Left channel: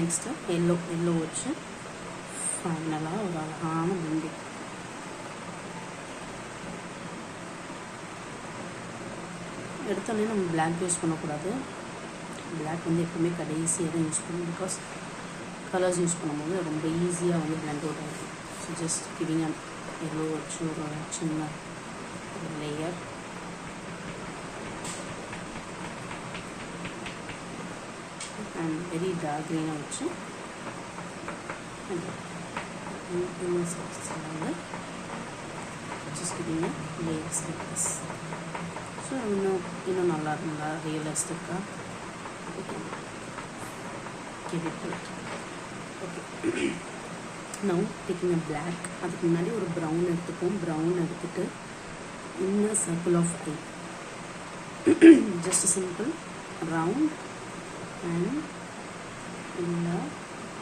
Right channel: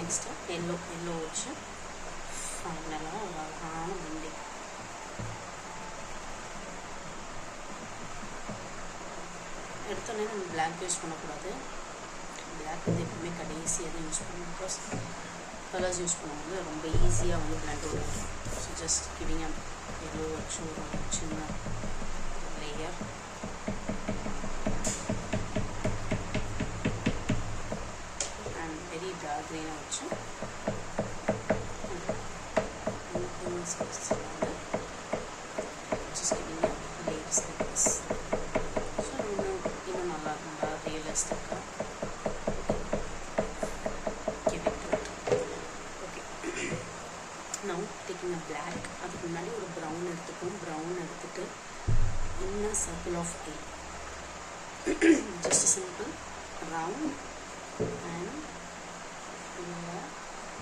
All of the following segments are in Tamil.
நெக்ஸ்ட்டு எல்லோ வச்சு ஃபைனலாக ஒரு அழகான பிளெண்டிங். எடுத்தோடனே நம்ம பிளாக் யூஸ் பண்ணக்கூடாது. பிளாக் வந்து எப்பவுமே கடைசியாக தான் யூஸ் பண்ணணும். பிகாஸ் கலர்ஸ் யூஸ் பண்ணும்போது ரொம்ப ஈஸியாக வந்து பிளெண்ட் வரும். ஸோ ஜஸ்ட் கிவிங் எல்லோ வச்சு ஒரு சின்ன ஒரு லேயர். அண்ட் வெரி டார்க் க்ரீனை வச்சு வந்து just giving layers like this. So இன்னும் நல்லா ரியலிஸ்டிக்காக give it to it. Okay. Now taking a black, அதுக்கு முன்னாடி ஒரு ப்ரௌன் எடுத்துப்போம். ப்ரௌன் எடுத்துட்டு இன்ன circle of eye, just simple round and இன்ன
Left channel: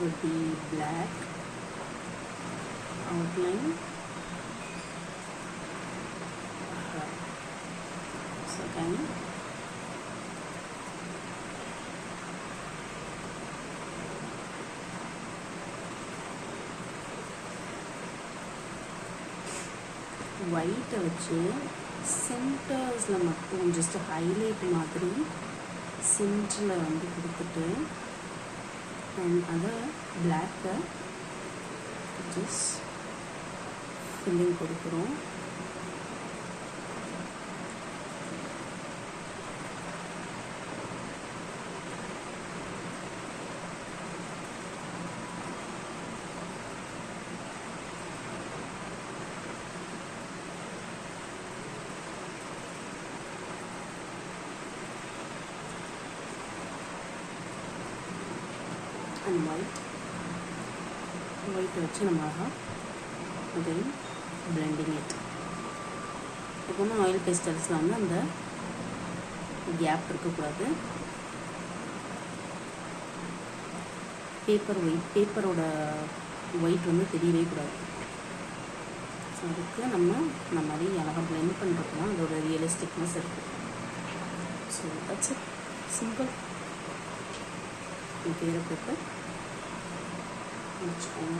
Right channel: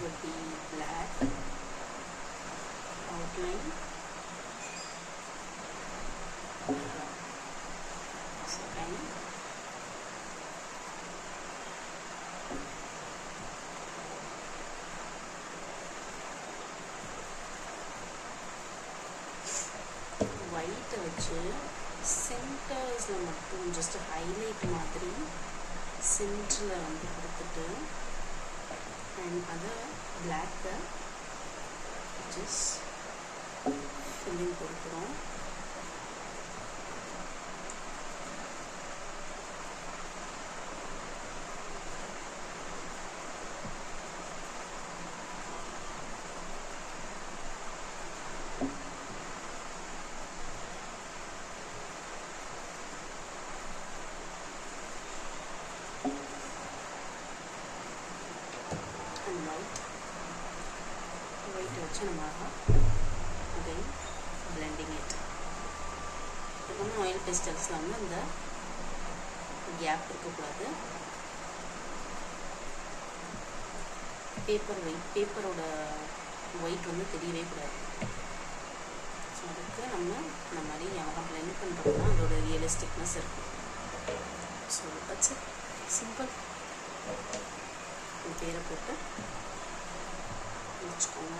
would be black outline. So again ஒயிட்டை வச்சு சென்டர்ஸில் மட்டும் ஜஸ்ட் ஹைலைட் மாதிரி சென்டரில் வந்து கொடுத்துட்டு அண்ட் அதை பிளாக்கை ஜஸ்ட் ஃபில்லிங் கொடுக்குறோம். அண்ட் ஒயிட்டை வச்சு நம்ம அகைன் பிளெண்டிங் இட். இப்போ வந்து ஆயில் பெஸ்டல்ஸில் வந்து அந்த கேப் இருக்கக்கூடாது. பேப்பரோட ஒயிட் வந்து தெரியவே கூடாது. ஸோ அதுக்கு நம்ம இந்த மாதிரி அழகாக பிளெண்ட் பண்ணுறது தான் அதோட ரியலிஸ்டிக்னஸ் இருக்கும். So that's it, simple. பேரை போட்டு வச்சுக்கோங்க.